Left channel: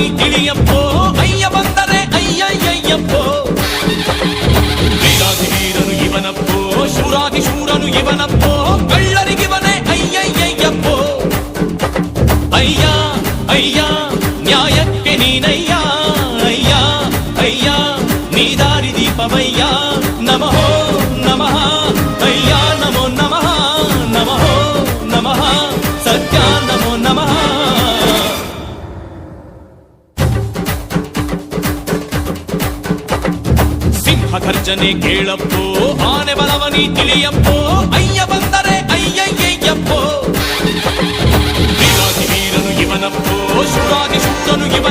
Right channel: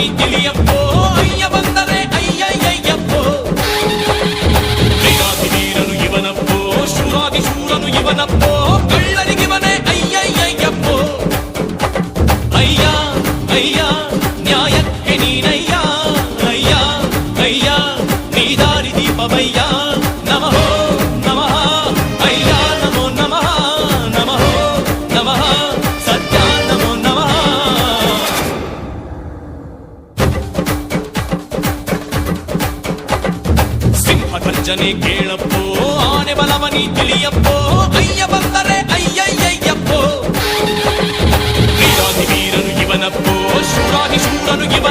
ನೀ ತಿಳಿಯಪ್ಪೋ ಅಯ್ಯ ಬಂದರೆ ಅಯ್ಯಯ್ಯಯ್ಯಪ್ಪೋ ವೀರಾದಿ ವೀರನು ಇವನಪ್ಪೋ ಶೂರಾದಿ ಶೂರನು ಇವನಪ್ಪೋ ಕಳ್ಳರಿಗಿವನೇ ಅಯ್ಯಯ್ಯಯ್ಯಪ್ಪೋ ಅಯ್ಯ ಅಯ್ಯ ನ್ಯಾಯಕ್ಕೆ ನೀನಯ್ಯ ಅಯ್ಯ ಅಯ್ಯ ನೀ ದಾರಿ ದೀಪವಯ್ಯ ನಮಃ ನಮಃ ಅಯ್ಯ ನಮೋ ನಮಃ ನಮಃ ನಮಃ ಸತ್ಯ ನಮೋ ನಮಃ ಸಿಂಹ ಗರ್ಜನೆ ಕೇಳಪ್ಪೋ ಆನೆ ಬಲವನಿ ತಿಳಿಯಪ್ಪೋ ಅಯ್ಯ ಬಂದರೆ ಅಯ್ಯಯ್ಯಯ್ಯಪ್ಪೋ ವೀರಾದಿ ವೀರನು ಇವನಪ್ಪೋ ಶೂರಾದಿ ಶೂರನು ಇವನ